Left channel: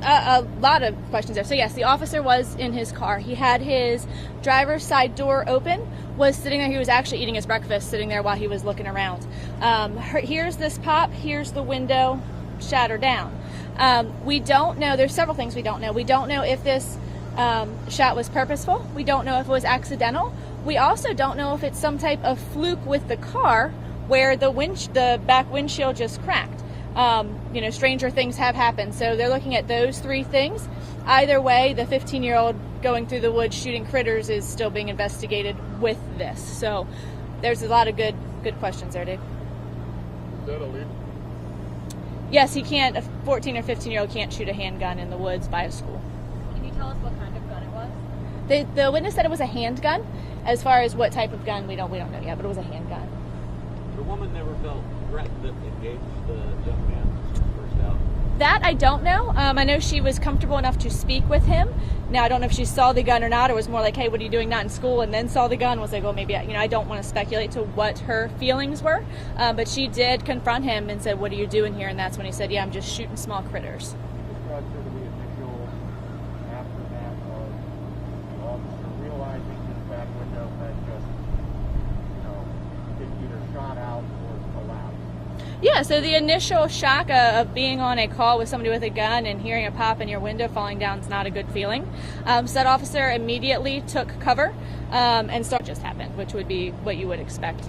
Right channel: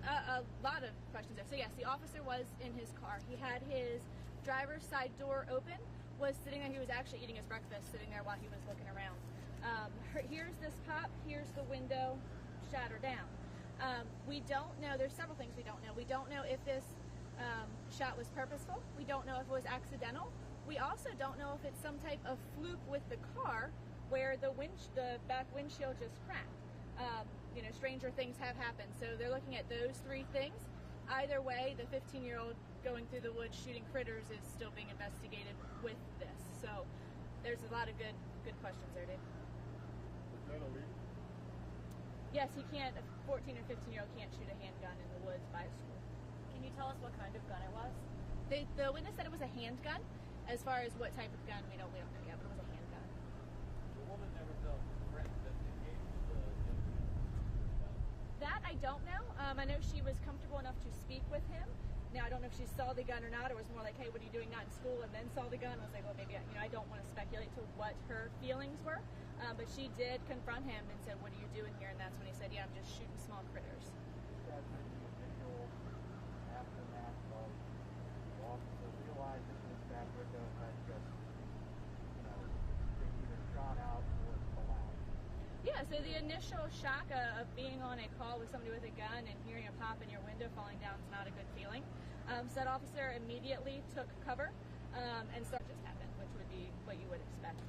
there's a lot of questions there. So yes, the officer was in his car. He had his driver's side door open, was sitting there. He was actually eating his breakfast, sitting there while he was looking around. Here's this pop, here's the window shatter down. We don't know, there's several things we don't know. We don't know if this shot was purposeful. We don't know if it was accidental. We also don't know if it's some type of fluke with the car where the back windshield just cracked. Stranger things have happened. So they're looking at those three things. Either way, the 15-year-old going through the woods shooting critters is still being investigated with this. So there's a lot of good questions there, Dave. Is that illegal? Yes, he can't. A 14 or 15-year-old can't shoot a handgun in the woods by a school. Can you tell us what kind of gun it was? The witness said it was a handgun. As far as what type of gun, we don't know yet, but it was a handgun. The woman never felt threatened to engage the young man first out. That I don't know. I know she was comfortable enough to speak with him. Now I don't know if she saw the gun or not, or was more like, "Hey, what are you doing not in school?" and then saw the gun. Was like, "Well, maybe I don't want to speculate to what her feelings were." But she did confront him and said, "What are you doing here?" And that's when he said, "Yeah, I'm just shooting small critters." Describe sort of the initial aftermath of the officer realizing his back window had just, been either shot out or collapsed. Yeah, so the initial shock of being on a call with somebody with a gun and hearing a pop and your window falling down is not a good feeling. So that officer immediately took cover and started just happened, which would be what you would expect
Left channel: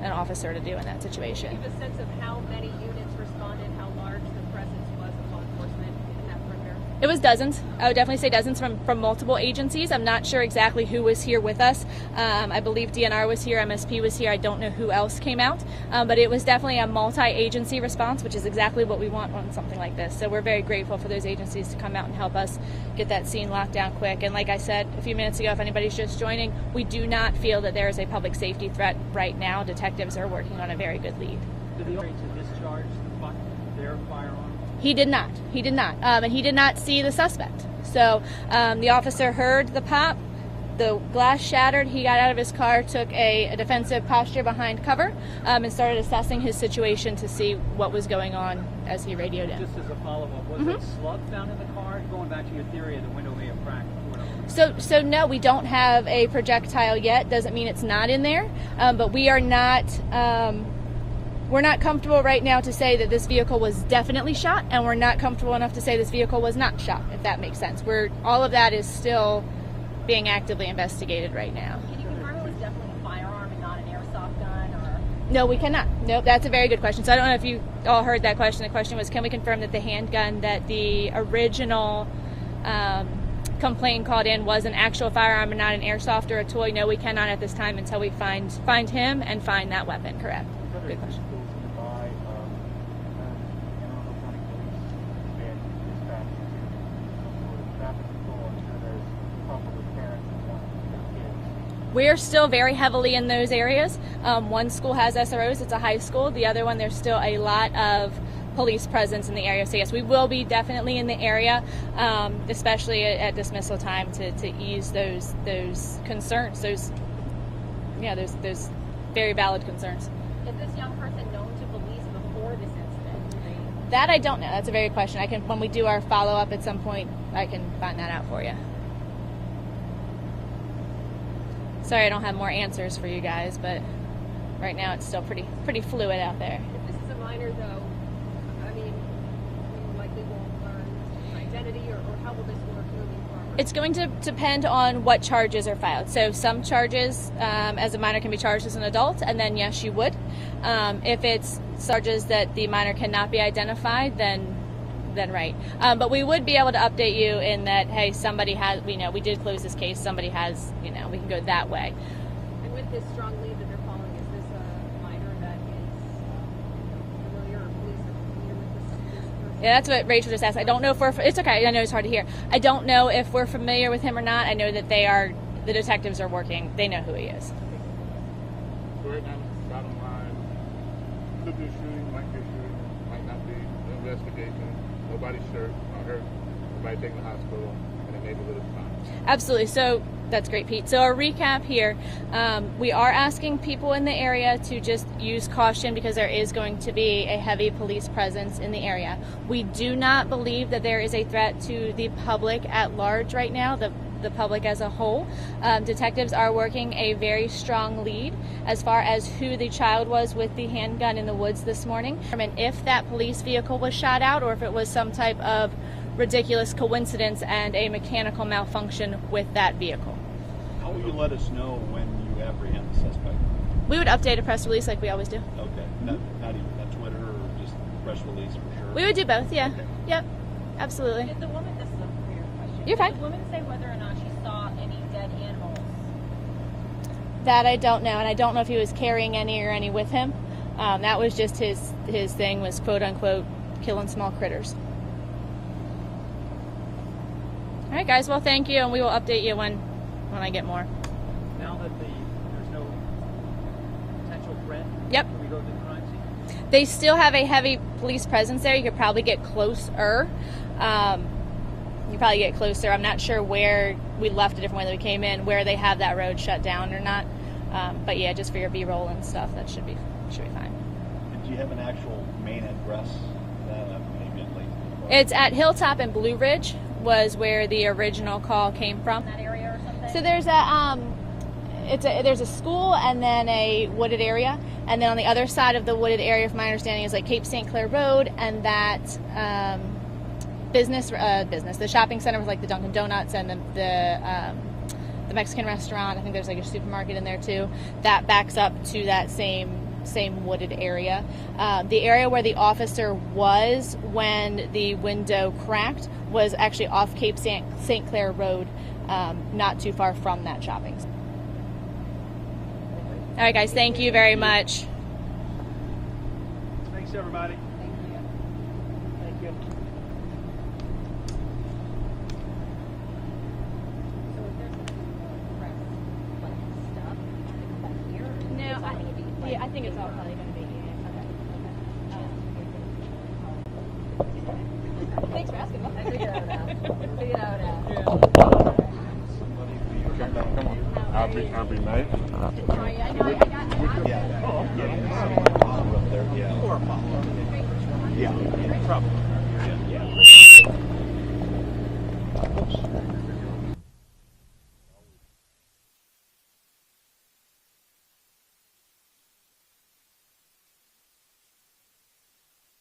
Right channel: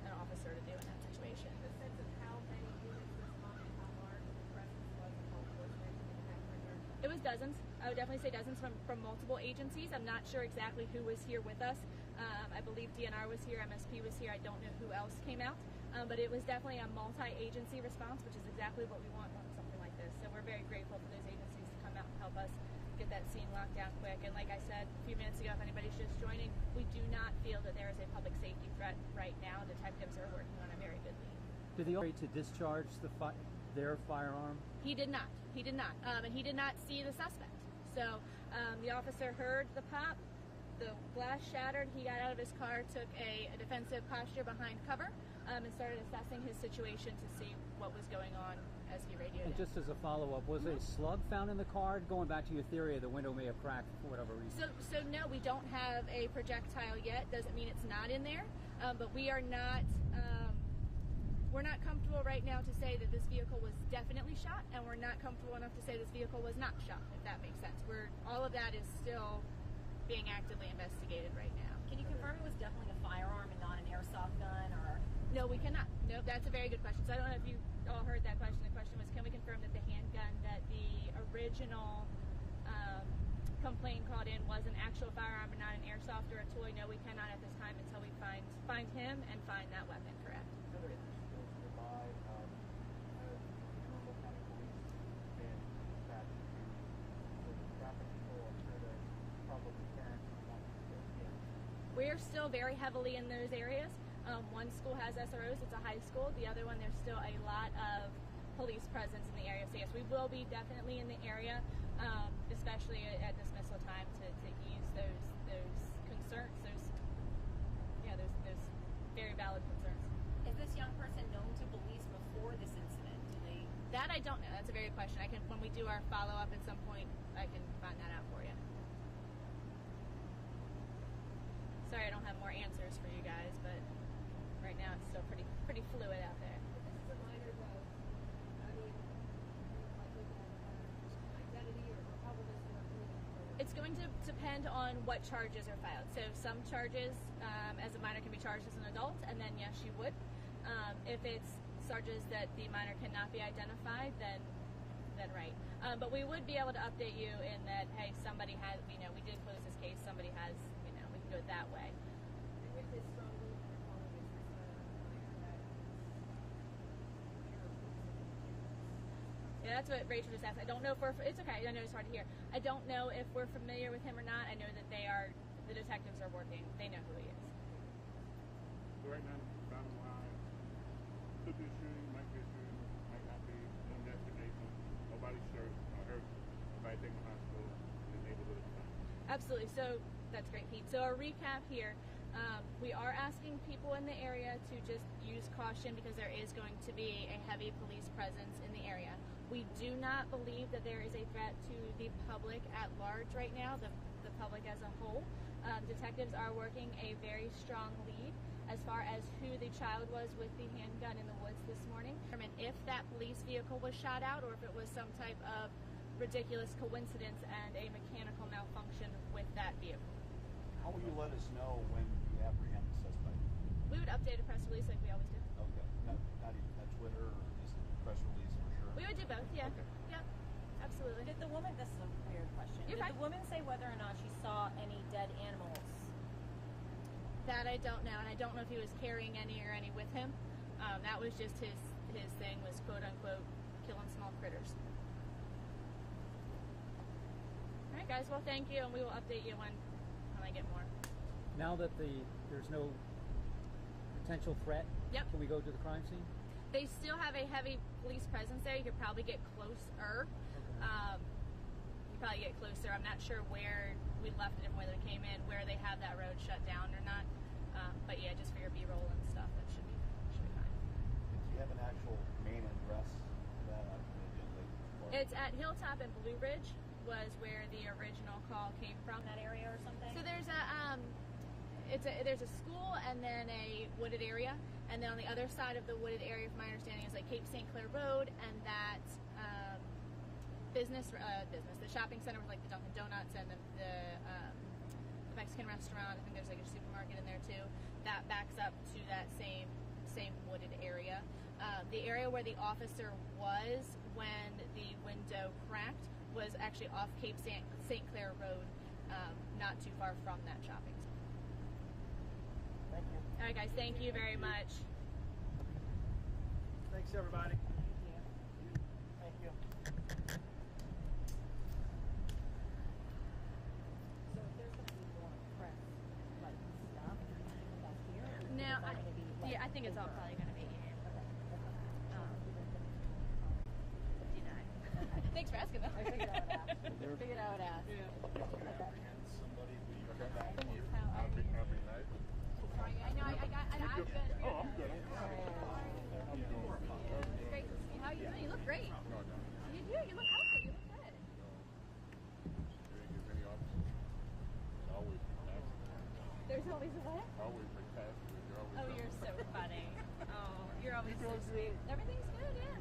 an officer to do in that situation. Do you have a sense of how many units responded, how large the presence was of law enforcement in that perimeter? It was dozens. I would definitely say dozens from multiple agencies. I'm not sure exactly who was here with us. I believe DNR was here, MSP was here. I don't know who else came out, but it was definitely a multi-agency response, which is exactly what we want on something like this. So we're very grateful for those agencies to come out and help us get that scene locked down quick. And like I said a few minutes ago, if anybody's just joining, we do not feel that there is a public safety threat right now. Detectives are working on a very good lead. Did the officer discharge their firearm? He did not. And he did not see the suspect. So the officer heard the pop, the glass shattered, he got out of his car, took a defensive posture behind cover, and started assessing his situation to see what was going on as he radioed in. Just as a follow-up, was it slug found in the car? Going back to your theory of the window may have cracked for whatever reason. So no, we don't have a projectile yet. Doesn't mean it's not in there, but we are not... We're not comfortable right now to say that this vehicle was definitely shot, and we're not comfortable enough to say this vehicle was not shot, if that makes sense. All of that is still being actively investigated right now. Can you confirm it was definitely a firearm and not an airsoft gun? Or? No, we cannot. Nope, that's a very good question. So I don't know if you all heard that question. The question was, can we confirm that the handgun that the original complaint called in was an actual firearm and not an airsoft or a toy? No, we cannot at this time until we find him and find that weapon. Correct. Good question. We're still very heavily in those areas. One school has SROs, it's a high school. The other one, there's still a lot of police presence in the area. So yes, we will be definitely in the area, especially at dismissal time to ease those concerns, those very valid concerns. Is this young person known to police before this incident? That I don't know. That's a very good question. When we do our follow-up at some point, I can find that out for you. Sorry I don't have more answers for you guys, but right now it's still pretty fluid out there. If this is a minor, though, I mean, we likely won't learn identity, or how will this work moving forward? It's going to depend on what charges are filed. So some charges as a minor can be charged as an adult, and then yes, you would. If it's charges that the minor cannot be identified, then right. But we would be able to update you in that, hey, somebody has, we did close this case, somebody has, we can go that way. And with this strong lead that they're following, is this a minor that is familiar or police are familiar with this person? Yeah, that's what Rachel just asked. I don't know if it's okay, I know it's hard to hear. I don't know if we're familiar with him or not. I know that the detectives are working, they know who he is. So right now, bottom line, could be a shooting, might be a shooting, might not be. The investigation. Nobody's sure, not hurt. Nobody taken to the hospital, and the neighborhood is fine. Absolutely. So That's great, Pete. So a recap here, we are asking people in the area to just use caution because there is going to be a heavy police presence in the area. We do not believe that there is a threat to the public at large right now, the public as a whole. Detectives are working a very strong lead as far as who the child was with the handgun in the woods this morning, and if that police vehicle was shot out or if it was some type of ridiculous coincidence and a mechanical malfunction with that vehicle. How will you let us know when you apprehend the suspect? We would update a press release like we always do. Okay, not even on Twitter or just press release for sure? We would do both, yeah. Okay. Yep, absolutely. Did the woman, this is a weird question. You're fine. Did the woman say whether or not she saw any dead animals? That I don't know, and I don't know if he was carrying any or any with him. That was just his thing, was quote unquote killing small critters. All right, guys. Well, thank you, and we will update you when I get more. Now that there's no potential threat, Yep. can we go to the crime scene? They still have a heavy police presence there. You could probably get closer. I'm not sure where we left a different way that we came in, where they have that road shut down or not. But yeah, just for your B-roll and stuff, that should be fine. Did you have an actual main address immediately? It's at Hilltop and Blue Ridge was where the original call came from. That area or something? So there's there's a school and then a wooded area, and then on the other side of the wooded area, from my understanding, is like Cape St. Clair Road, and that business, the shopping center with like the Dunkin' Donuts and the Mexican restaurant. I think there's like a supermarket in there too. That backs up to that same wooded area. The area where the officer was when the window cracked was actually off Cape St. Clair Road, not too far from that shopping center. All right, guys, thank you very much. Thanks, everybody. Thank you. Thank you. So if there's press, like, stuff, back here, or is No, it all gonna be, like, I think it's all probably going to be. Thanks for asking me. I figured it out. I'll be nice. There's always a what? Oh, you're so funny. Oh, you're always so sweet. Everything's good, yeah.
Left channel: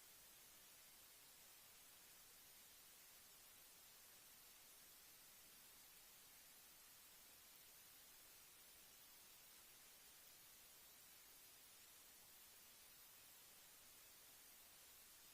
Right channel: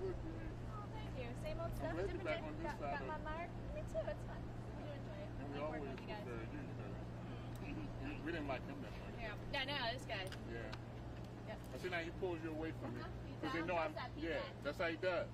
Oh, thank you. Same old stuff, different day. Got my mark. Me too, it's fun. I do enjoy it. I like working with you guys. We didn't like him that much. Yeah. No, this guy. Yeah. Yep. I see now he pulls you away from me. Because they know I'm, How's that yeah, feedback? that's how he does.